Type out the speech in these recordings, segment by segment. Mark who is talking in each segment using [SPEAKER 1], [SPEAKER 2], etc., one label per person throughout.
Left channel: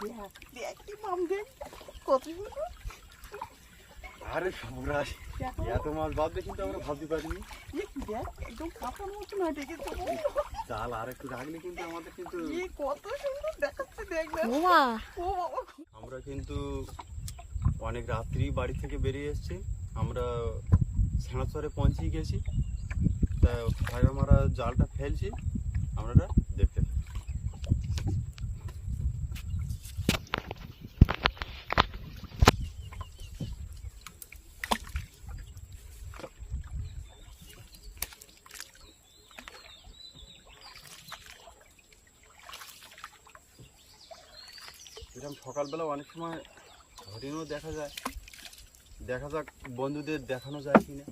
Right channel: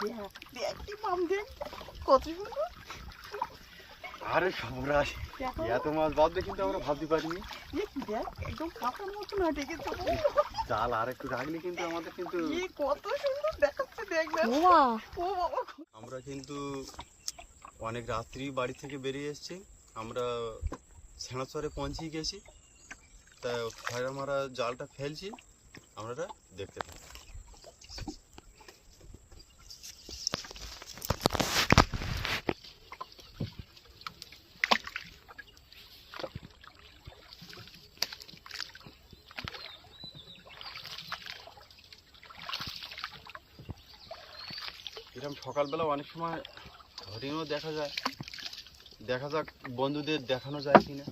[SPEAKER 1] দেখ দেখ কি মাম দেখ। কত সুন্দর
[SPEAKER 2] আরে সবরাজ এত মাছ কিন্তু আমরা ভাবতে পারিনি।
[SPEAKER 1] এ দেখ একদম কাঁচার মতো না ডেকেছে
[SPEAKER 2] জাল আর একটু রাখলে কিন্তু আমাদের কিন্তু
[SPEAKER 1] কত সুন্দর দেখাচ্ছে দেখ না।
[SPEAKER 3] বাবা
[SPEAKER 1] ও বাবা।
[SPEAKER 2] আমরা কিন্তু অনেক রাত্রি বাড়ি থেকে বেরিয়ে এসেছি। আমরা ছেঁড়াচরে পৌঁছিয়ে গেছি। তা ফয়রা মারা জালটা ফেলছি। আমরা দেখতে এরকম সকালবেলা অনেক সময় হরিণও দেখা যায়। দেখা যাক বন্ধুদের দেখানো যায় কিনা।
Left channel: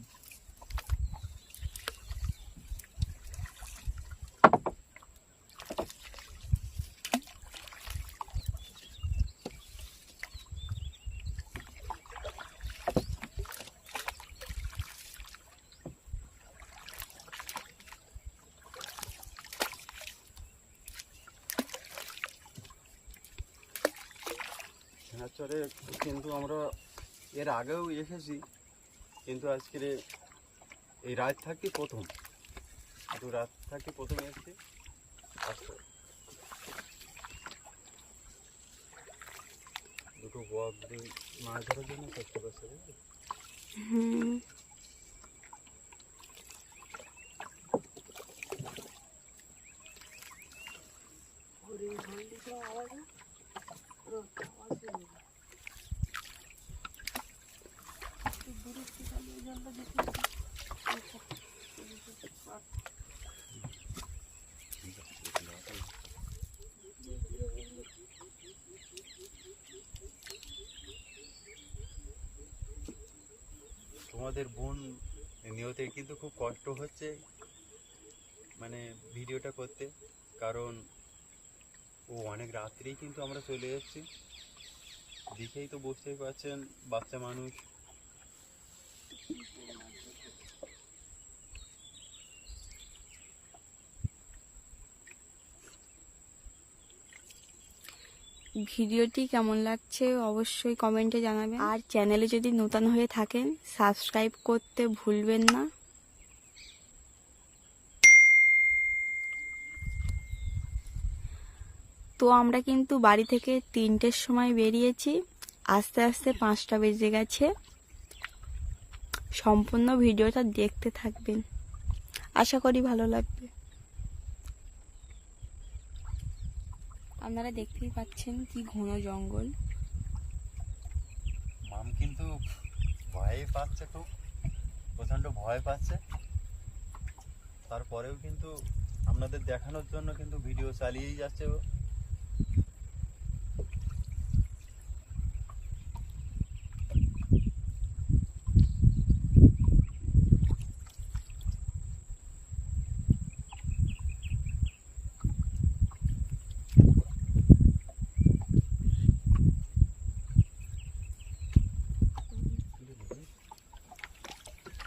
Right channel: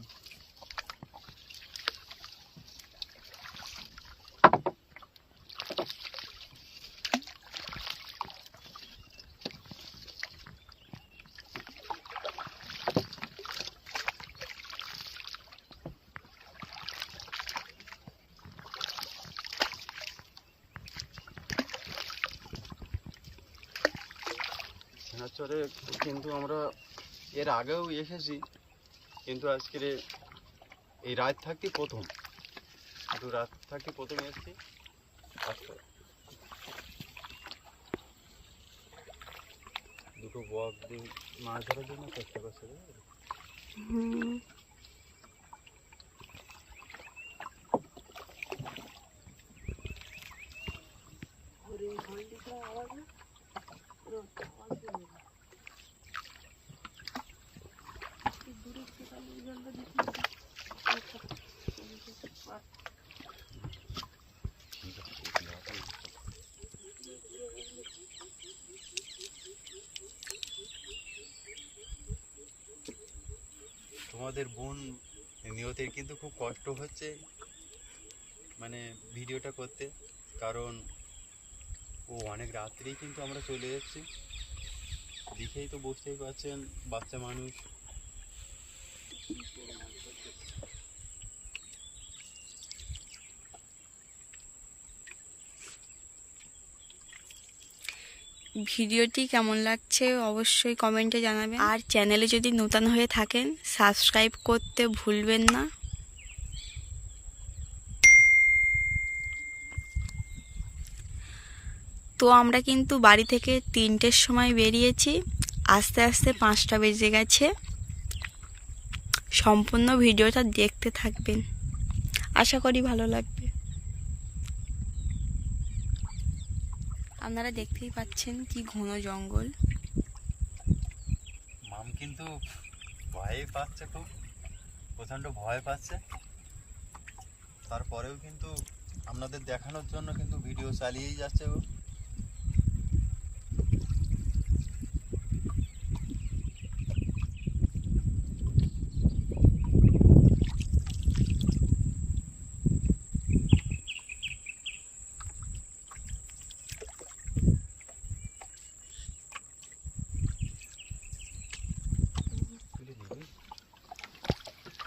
[SPEAKER 2] সেনাচরে কিন্তু আমরা এর আগেও এসেছি কিন্তু আজকের এই রাত থাকতে প্রথম। একটু রাত থাকতে প্রথমে এসেছি আচ্ছা দুটো বক দিয়ে মাছ ধরার জন্য চেষ্টা করছে
[SPEAKER 1] আওয়াজ না ওরে আওয়াজ শুনে না দূরে থেকে আমি জলটা দিচ্ছি আচ্ছা
[SPEAKER 2] ঠিক আছে এগুলো আছে। তোমাদের বোন নিয়তের কিন্তু খুব কষ্ট হচ্ছে মানে ভিডিওটা করতে, কারণ ও অনেক রাত্রেই কিন্তু আমরা চলে যাচ্ছি। দেখেই তো বুঝতেই পারছেন, বাচ্চা মানুষ।
[SPEAKER 3] ভিডিওটি কেমন লাগছে অবশ্যই কমেন্টে জানাবেন। আর চ্যানেলে যদি নতুন হয়ে থাকেন সাবস্ক্রাইব করতে ভুলবেন না। তো আমরা কিন্তু বাড়ি থেকে তিনটের সময় বেরিয়েছি। আস্তে আস্তে পাঁচটা বেজে গেছে। সম্পূর্ণ ভিডিওটা দেখতে থাকবেন। আশা করি ভালো লাগবে। আপনারা দেখতেই পাচ্ছেন কি ঘন জঙ্গল।
[SPEAKER 2] মাম কিন্তু ভয় পাচ্ছে খুব। প্রচণ্ড ভয় পাচ্ছে। তারপরেও কিন্তু আপনাদের দেখানোর জন্য কিন্তু ভিডিও চালিয়েই যাচ্ছে ও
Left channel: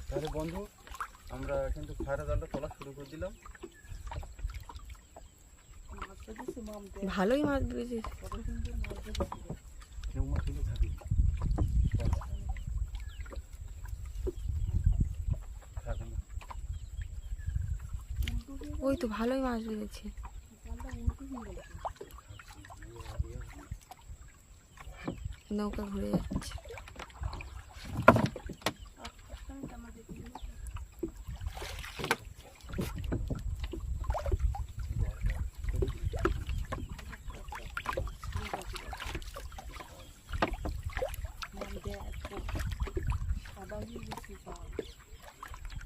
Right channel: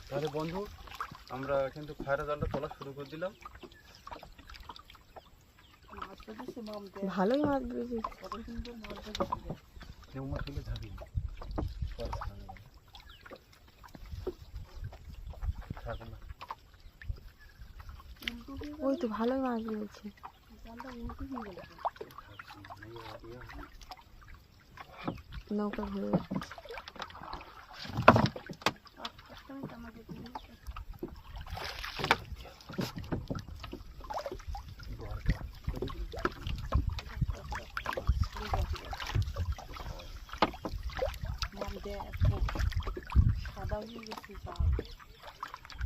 [SPEAKER 2] তাহলে বন্ধু আমরা কিন্তু ফায়ার জালটা তোলা শুরু করে দিলাম।
[SPEAKER 3] ভালোই মাছ
[SPEAKER 2] কেউ
[SPEAKER 1] হয়ে
[SPEAKER 3] ওই তো ভালোই মাছ
[SPEAKER 1] গেল
[SPEAKER 3] নৌকা ঘুরে যাচ্ছে
[SPEAKER 1] আস্তে আস্তে আমি টানা যেতে দিই মাম দেখ সাদা হয়ে গেছে জাল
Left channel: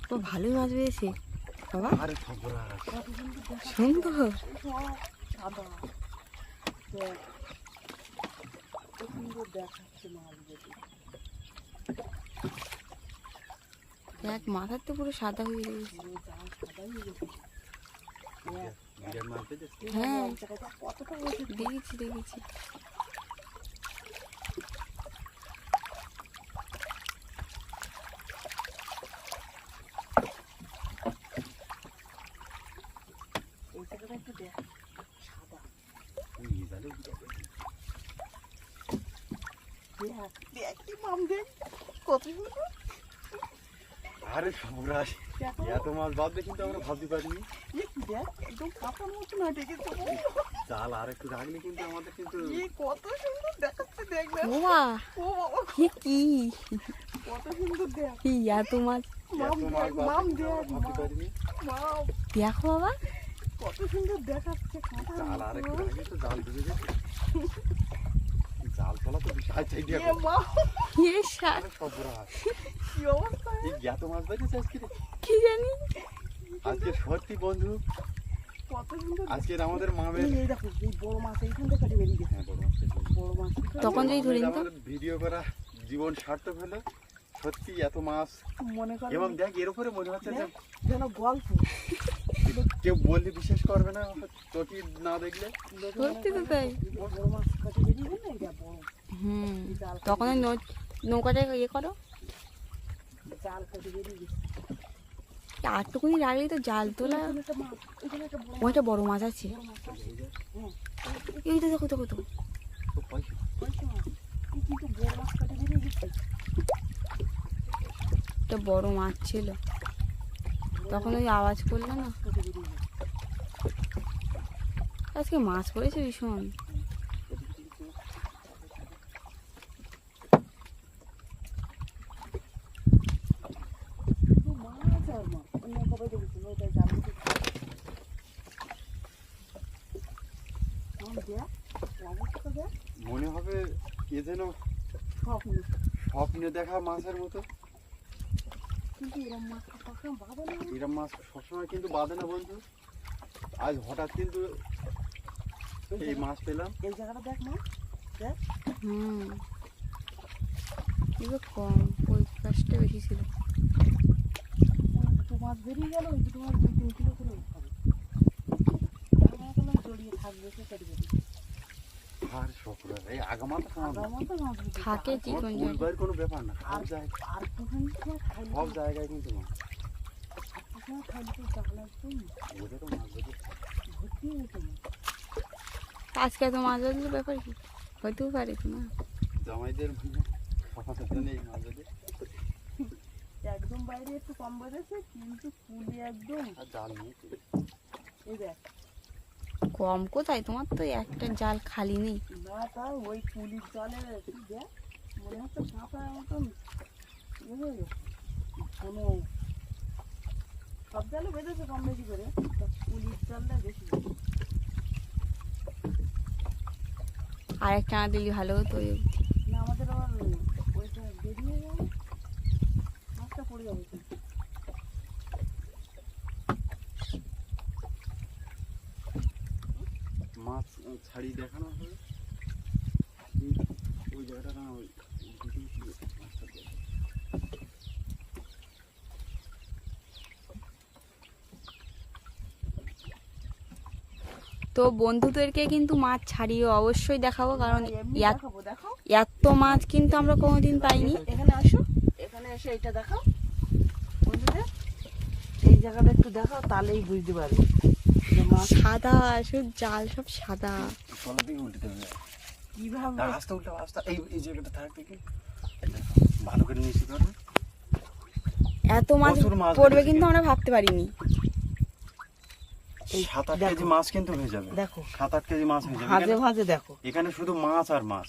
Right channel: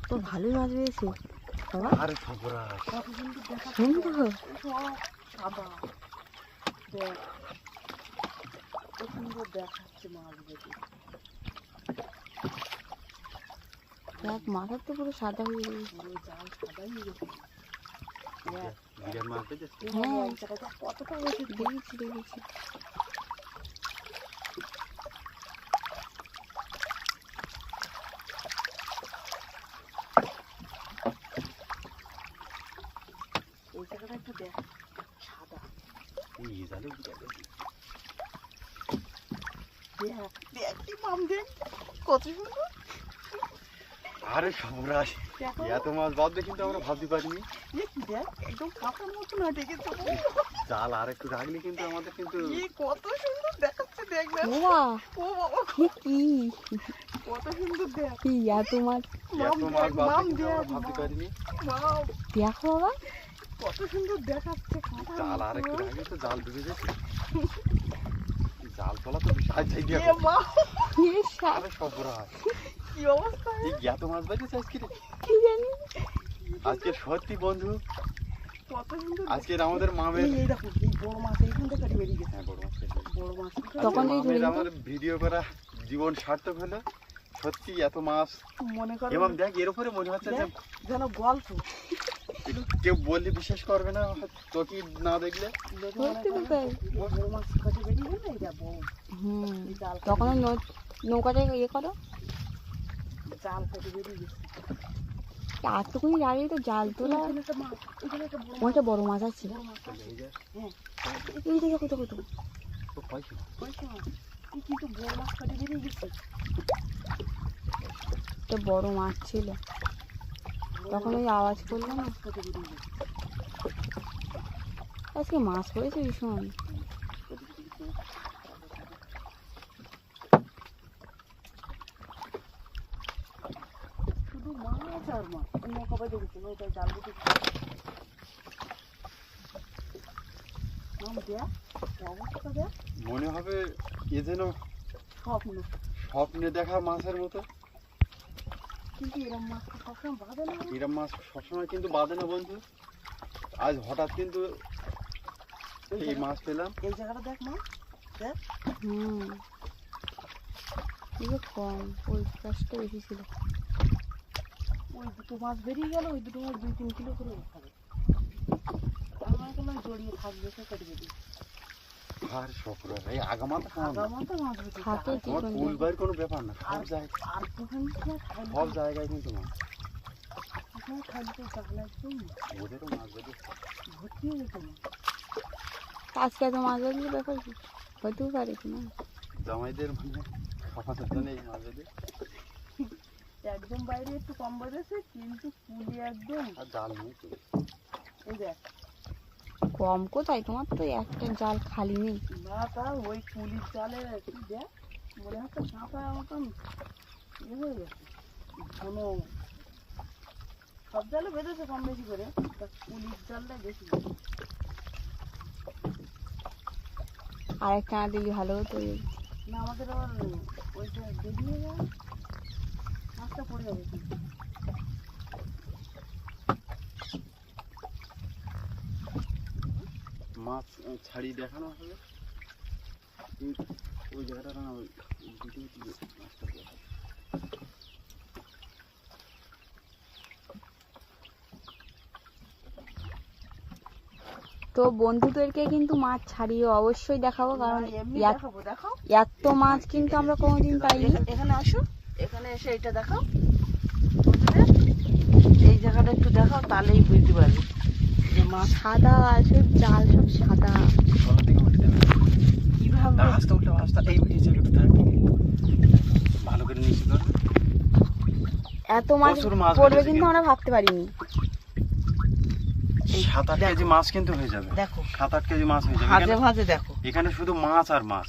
[SPEAKER 3] তো ভালোই মাছ বেরিয়েছে। বাবা
[SPEAKER 2] আরে
[SPEAKER 1] কত সুন্দর। দেখা
[SPEAKER 3] সুন্দর
[SPEAKER 1] সাদা দেখ সুন্দর দেখাচ্ছে মাছগুলো।
[SPEAKER 3] দেখ মাথার তো পুরো সাদা হয়ে গেছে
[SPEAKER 1] হয়ে দেখ। কতটা হয়েছে
[SPEAKER 3] দেখেছি দেখেছি
[SPEAKER 1] দেখ দেখ দেখ কি মাম দেখ, কত সুন্দর
[SPEAKER 2] আরে সবরাজ
[SPEAKER 1] দেখো।
[SPEAKER 2] এত মাছ বাঁধবে কিন্তু আমরা ভাবতে পারিনি।
[SPEAKER 1] এ কি দেখ একদম মতো না
[SPEAKER 2] জাল আর একটু রাখলে কিন্তু আমাদের কিন্তু
[SPEAKER 1] কত সুন্দর দেখাচ্ছে দেখ ও বাবা।
[SPEAKER 3] কি?
[SPEAKER 1] কত সুন্দর দেখ।
[SPEAKER 3] কি এত মাছ?
[SPEAKER 2] এত
[SPEAKER 1] মাম
[SPEAKER 2] ভাবতে পারিনি।
[SPEAKER 3] দেখো বাবা।
[SPEAKER 1] কত সুন্দর দেখাচ্ছে
[SPEAKER 2] জাল আর একটু রাখলে তো জাল ডুবে যেত। জাল তোলা তো বিশাল চাই দিয়ে
[SPEAKER 1] এ মা
[SPEAKER 3] এ সা-
[SPEAKER 2] আরে সবরাজ
[SPEAKER 1] কি অবস্থা
[SPEAKER 2] এই এত মাছ বাজেছে আজকে
[SPEAKER 3] কি জানি?
[SPEAKER 2] আজকে সত্যি বন্ধু আজকের আমাদের মামের
[SPEAKER 1] এই এই দেখো এই বড় মাছ এইখান থেকে কাটি বেরিয়ে গেছে।
[SPEAKER 2] হ্যাঁ বড় মাছ
[SPEAKER 1] বড় মাছ
[SPEAKER 3] তখন
[SPEAKER 2] আজকে
[SPEAKER 3] যদি ধরি
[SPEAKER 2] মামের
[SPEAKER 3] না তো?
[SPEAKER 2] আমাদের ভিডিও করা জীবন সার্থক হলো। সত্যি এত মাছ।
[SPEAKER 1] মনে করো
[SPEAKER 2] এবং দেখ এর উপরে মনে হচ্ছে যে
[SPEAKER 1] যেন গল্প।
[SPEAKER 2] কেউ বললে বিশ্বাস করবে না তোকে না দেখলে?
[SPEAKER 3] সত্যি তো তাই।
[SPEAKER 1] বড় মাছ কাটি বেরিয়ে গেলে এটা বড়।
[SPEAKER 3] হুম।
[SPEAKER 1] এই জাল কাটি
[SPEAKER 3] তখন নৌ- নৌকাটা ইয়ে করো।
[SPEAKER 1] জাল কেটে বেরিয়ে গেছে।
[SPEAKER 3] আটটুকুনি রাখলেই তো জাল তোলা।
[SPEAKER 1] বড় মাছ
[SPEAKER 3] ওইটা বড় মাছ আছে।
[SPEAKER 1] বড় মাছ আছে। হ্যাঁ।
[SPEAKER 3] এই তো দেখো দেখো তো একটা বড় মাছ ছিল। তখন ওই আওয়াজ করল না? আজকে মাছ পড়েছে ভীষণ
[SPEAKER 1] শুধু মাছ আর কবে দেখেছি
[SPEAKER 2] মনে হবে এ যেন
[SPEAKER 1] স্বপ্ন
[SPEAKER 2] স্বপ্নে দেখা মাছের মতো।
[SPEAKER 1] কিন্তু এরম মাছ সবসময় বাঁধে না
[SPEAKER 2] এরম মাছ সবসময় কিন্তু বাঁধে না বন্ধু। আজ হঠাৎ কিন্তু
[SPEAKER 1] এই
[SPEAKER 2] মাছ পেলাম।
[SPEAKER 1] এই জায়গাটা দেখ মা দেখ
[SPEAKER 3] হুম কম ওই গাছটা বেশি ছিল।
[SPEAKER 1] দুটো মাছ বেরিয়ে গেল ওই দুটো মাছ দুই তিন কিলো করে উঠাবে আমার কোনো জড়িয়ে থাকবে সে কেটে বেরিয়ে
[SPEAKER 2] আর শকরা এই আগামা তো খাওয়া
[SPEAKER 1] তো মাছ
[SPEAKER 3] থাকে কি কোন
[SPEAKER 2] ব্যাপার না
[SPEAKER 1] আর
[SPEAKER 2] সব জায়গায় কিন্তু মাছ
[SPEAKER 1] তো জাল একদম
[SPEAKER 2] ওদেরও মাছ বেঁধে
[SPEAKER 1] ভর্তি হয়ে মাছ
[SPEAKER 3] আজকে তো মাছ ধরলে ব্যাপার কি? হতেও পারে কি না?
[SPEAKER 2] জামাইদের মানে সমাজের জন্য এই মাছ বেঁধে
[SPEAKER 1] একদম বাইরে একটু কম বেড়েছে কিন্তু কুলি একদম।
[SPEAKER 2] আর জাল নেই তো।
[SPEAKER 1] এই দেখ।
[SPEAKER 3] কম কোথায়? তোমার তো একটা জাল খালি নেই।
[SPEAKER 1] না তা ওই কুলির জালে কি দেখ মনে হচ্ছে কাঁচা মতন ইয়ে হয়ে গেছে। কোনো সব জালে বেঁধেছে কম বেশি করে তা কুলির জালটা বেশি।
[SPEAKER 3] আর একটা না দিলে ভালো হতো ওই
[SPEAKER 1] না আমাদের আবার ওইটা বেরিয়ে গেল মাছটা পড়ে যাবে কিন্তু।
[SPEAKER 2] মাছ ছাড়িয়ে দেখানো হবে। ওই জায়গাটা না ওই ভিডিও ছিল মাছটা
[SPEAKER 3] তো বন্ধুদেরকে কিন্তু মাছ ছাড়িয়ে অবশ্যই দেখাবো কারণ এত- মাছ কিন্তু আমরা কোনোদিন পাইনি।
[SPEAKER 1] এখানে- এখানে আসো এখানে এসে এটা দেখাও। জায়গাটা একটু দেখাও তাহলেই বুঝতে পারবে।
[SPEAKER 3] সাদা সব জাল সব সাদা।
[SPEAKER 2] তলা থেকে উঠে দেবে
[SPEAKER 1] কীভাবে
[SPEAKER 2] আস্তে উল্টা আস্তে এই এই জায়গাটা থাক। ভালো করে নিচে করবে
[SPEAKER 3] এত মাছ পড়বে কিন্তু। আমরা ভাবতে পারিনি।
[SPEAKER 1] এই
[SPEAKER 2] সাত আট। কেজি মাছ কিন্তু হয়ে যাবে।
[SPEAKER 1] দেখো।
[SPEAKER 2] সাত আট কেজি মাছ হয়ে যাবে।
[SPEAKER 1] ভাজে ভাজে দেখো।
[SPEAKER 2] এখানে শুধু মাছ আর মাছ।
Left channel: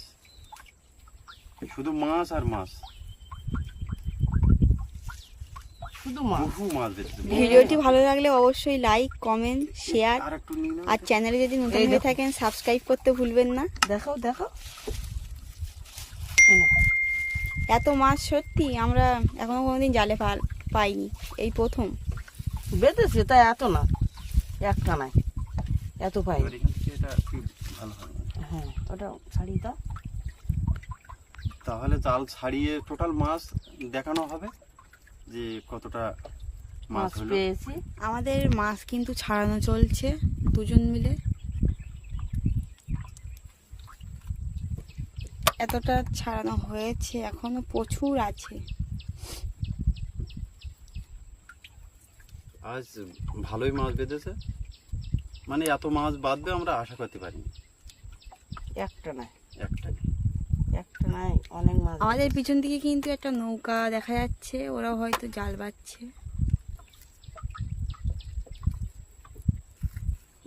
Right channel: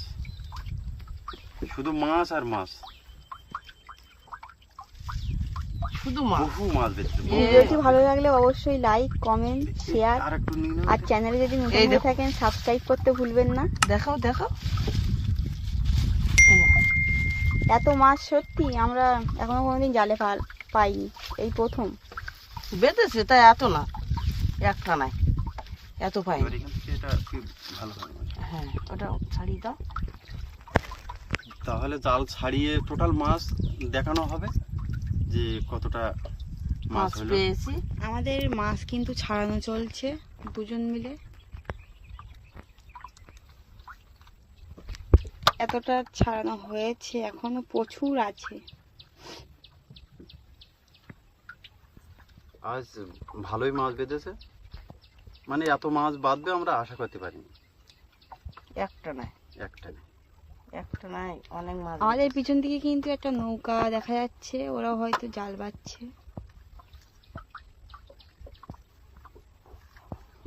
[SPEAKER 2] শুধু মাছ আর মাছ।
[SPEAKER 1] শুধু মাছ?
[SPEAKER 3] ভিডিওটি ভালো লাগলে অবশ্যই লাইক কমেন্ট শেয়ার
[SPEAKER 2] আর
[SPEAKER 3] চ্যানেলে যদি নতুন হয়ে থাকেন সাবস্ক্রাইব করতে ভুলবেন না।
[SPEAKER 1] দেখাও দেখাও।
[SPEAKER 3] এত মাছ সত্যি আমরা এখনও কোনোদিন জালে পা- পাইনি এই প্রথম।
[SPEAKER 1] বেঁধেছে তাই এত না। একটা নাই। এত পাই
[SPEAKER 2] হয়।
[SPEAKER 1] হ্যাঁ ওটা ছাড়িয়ে দাও।
[SPEAKER 2] তাহলে জাল ছাড়িয়ে টোটাল মাছ দেখানো হবে। যে কতটা মাছ হলো?
[SPEAKER 1] পেয়েছি।
[SPEAKER 3] আমাদের মাছ কিন্তু ছাড়ানো চলছে দুজন মিলে। এতটা ছাড়ানো হয়েছে এখনও প্রচুর আছে।
[SPEAKER 2] আজ ভালোই মাছ বেঁধেছে। মানে এত মাছ বাঁধবে আমরা আশা করতে পারিনি।
[SPEAKER 1] একটা নাই
[SPEAKER 2] একটাই
[SPEAKER 1] একটা মাছ
[SPEAKER 3] আমাদের পিছন দিকে কিন্তু একটা নৌকা দেখা যাচ্ছে ওরা হয়তো জাল বাচ্ছে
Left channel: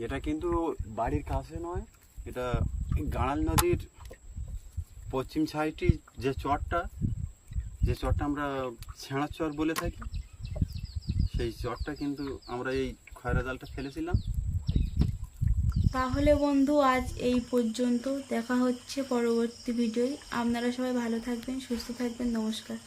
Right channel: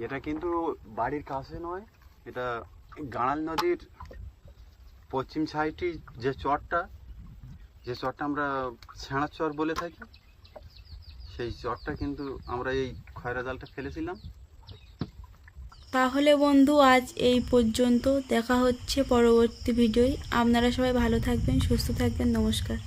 [SPEAKER 2] এটা কিন্তু বাড়ির কাছে নয় এটা গাঁড়াল নদীর পশ্চিম সাইডটি যে চরটা যে চরটা আমরা ছেঁড়া চর বলে থাকি সেই চরটা কিন্তু আমরা এই খয়রা জালটা ফেলেছিলাম।
[SPEAKER 3] তাহলে বন্ধু, আজ এই পর্যন্ত। দেখা হচ্ছে পরবর্তী ভিডিওয়। আপনারা সবাই ভালো থাকবেন, সুস্থ থাকবেন। নমস্কার।